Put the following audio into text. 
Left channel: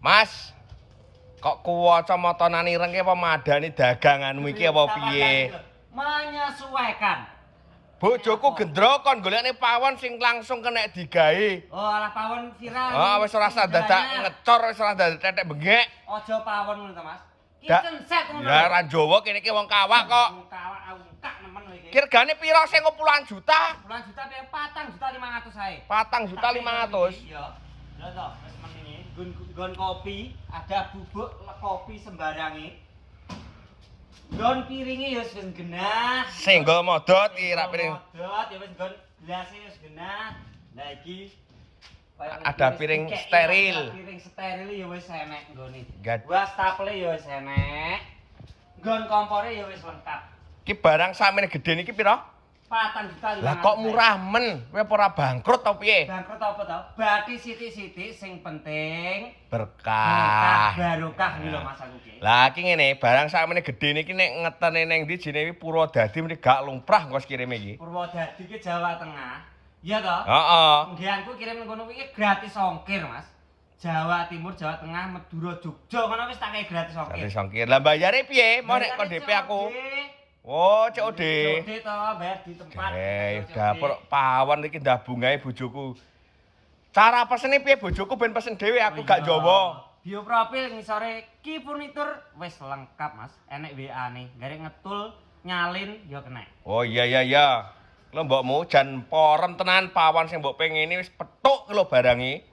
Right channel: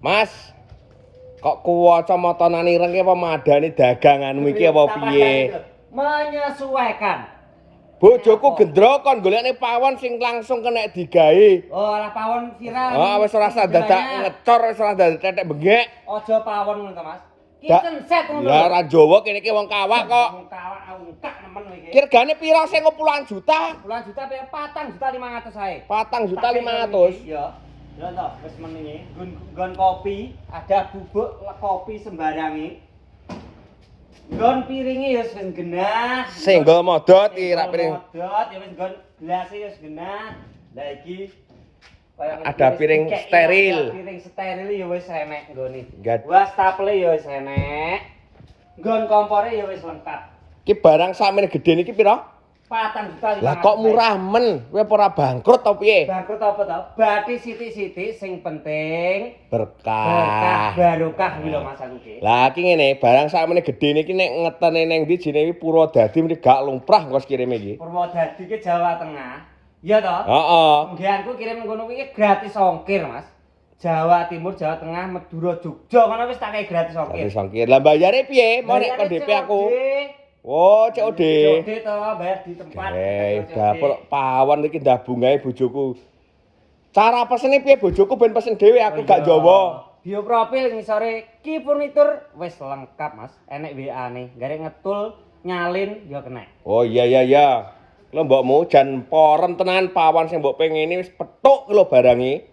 Mas, kok kacamata ireng ki apa madani daganganmu iki apa piye? Menyesuaikan. Bojoku gendro kon golekne pawon sing langsung kena digawe. Oh, ora pawon viral. Oh, wis ora usah dadak ngecor, wis ora dadak tetek bengek. Aja pawon ngono to, Mas. Kitchen set ngono. Ya ora Jawa kene iki wong kawak kok. Wong kawak ungkak nemen iki. Kirgane pira sing puluhan juta? Puluhan juta pe 4.500.000 ae. 4.500.000. Iya. Lha to, wis menengi. Nggon kopi, ada bubuk kopi sembarangi. Nggon piringe ya wis genah. Senggol modot iki rak piring. Modot ya wis nggon gelas ya wis genah. Lah iki ada piring steril. Piring steril ya wis enek nggone. Gad. Wastafel ya wis enek. Nggon kompore ya wis lengkap. Iki barang sakmene gedhe niki pira? 4.500.000. Lah kok murah men? Kowe apa ora bangkrut ta piye? Bangkrut apa to? Bathi sithik-sithik sing penting berkah. Barokah iki lho Mas aku iki. Lah iki ngene, barang sakmene gedhe niki nek ngetene ning ndi jenenge Purwodadi mriki gak lumrah kok kirime iki. Purwodadi ki Jawa Tengah. Iya to? Heeh. Nggenku kirim ngono kuwi gratis ongkir, Mas. Jawa Timur, Jawa Tengah, Madura, Jogja ngono wis tak kei gratis ongkir. Gratis ongkir. Lah bayare piye? Mau nek kon DP aku. Oh, COD. COD to, bayar di tempat. Dapur pawon iki ndah bungae bojoku. Cara pesene piye bojoku ben pesen dhewe aku gak Jawa. Bio profil ngisore Ki Furnitur wis lengkap, Mas. Enek WA-ne. Garek ngetul, nyalin ya kena. Oh iya. Lho mbokmu jan porem tenan pawon sing mbok pengini wis petuk lho barange.